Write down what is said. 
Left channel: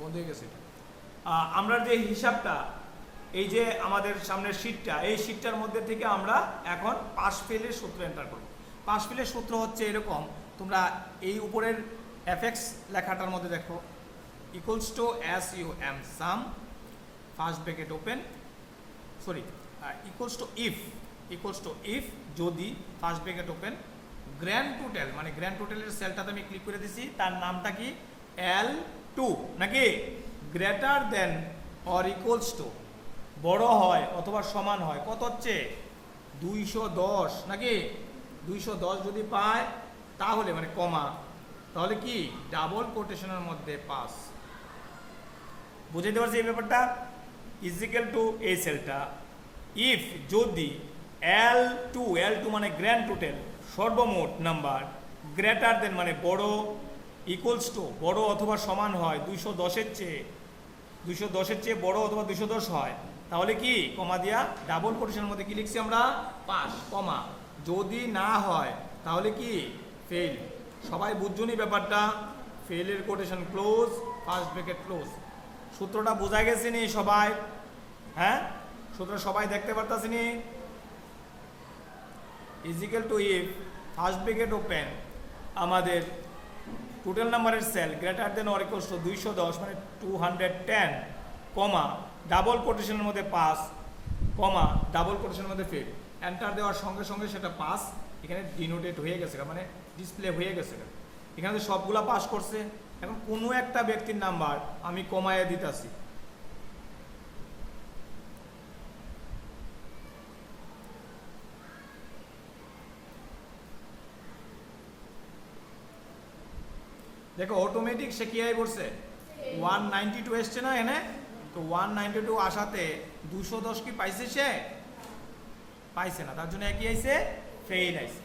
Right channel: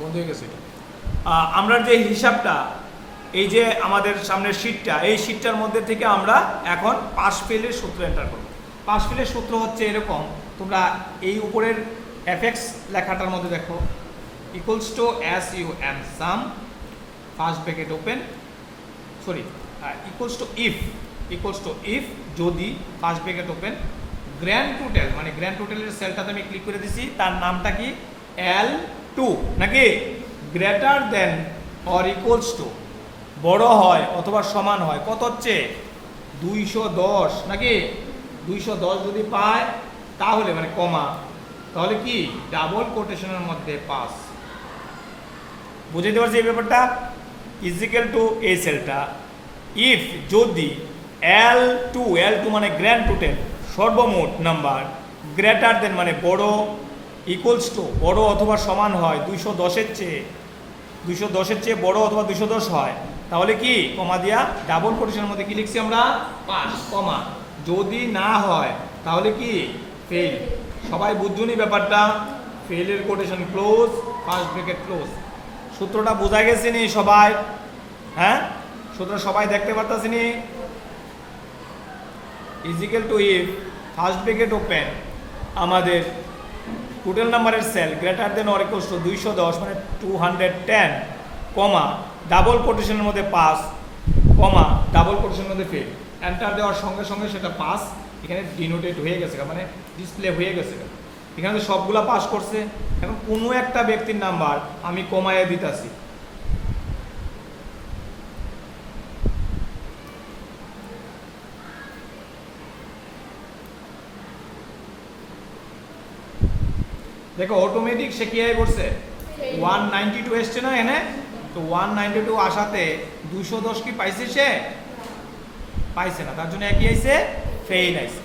বন্ধ হয়ে গেছে এটা। আমরা যে হিসাবটা, এই যে আমাদের সামনের শীটটা, এই শীটটার মধ্যে থেকে আমরা এখন পাস ফেলের সূত্র এন্টার করব। পাস ফেলের সূত্র হচ্ছে এরকম, তোমরা এই উপরের এফএক্স লেখাটার মধ্যে দেখো, equals to S U M sum first bracket open, sorry equals to if যদি first bracket open grand total, মানে গ্র্যান্ড টোটালের সেলটাতে আমি ক্লিক করে দিছি, তার নামটা কি L2 নাকি greater than or equals to, বড় হয় অথবা সমান হয় কত হচ্ছে 210 নাকি 210 যদি পায় তাহলে মানে কমা, তাহলে কি ডাবল কোটেশনের মধ্যে পাস। বুঝাইতে পারছি এই ব্যাপারটা? ইজিক্যাল টু এই সেলটা ইফ যদি L2 মানে গ্র্যান্ড টোটাল সর্বমোট নাম্বার গ্রেটার দেন মানে বড়, ইকুয়ালস টু বড় অথবা সমান হয় 210-এর চেয়ে বড় অথবা 210 হয়, তাহলে কি কমা দিয়া ডাবল কোটেশনের মধ্যে কি লিখছি আমরা পাস, কমা যদি না হয় তাহলে কি ফেল। সবাই বুঝছুনি ব্যাপারটা? ফেলের quotation close, first bracket close. সূত্রটা বোঝা গেছে নি সবাই? হ্যাঁ, সূত্র সবাই দেখতে পারতাছি নি? Equal to if first bracket open আমাদের টোটাল নাম্বারের cell greater than or equals to 210 মানে 210 কমা ডাবল কোটেশনের মধ্যে পাস, কমা ডাবল কোটেশনের মধ্যে ফেল। এন্টার দেওয়ার সঙ্গে সঙ্গে সেটা পাস এখানে ডিনোটেড হয়ে গেছে, মানে ডিসপ্লে হয়ে গেছে। এখানে তো সবগুলা পাস করছে। এখন কোনো একটা ব্যক্তির নাম্বার আমি কমাইয়া দিতাছি, দেখো অটোমেটিক সে কি আয় করছে 192 এসছে না এনে, তো 192 আসাতে 210 কি পাইছে? সে পাইছে না, তার জন্য একই আইছে ফেইল আইছে।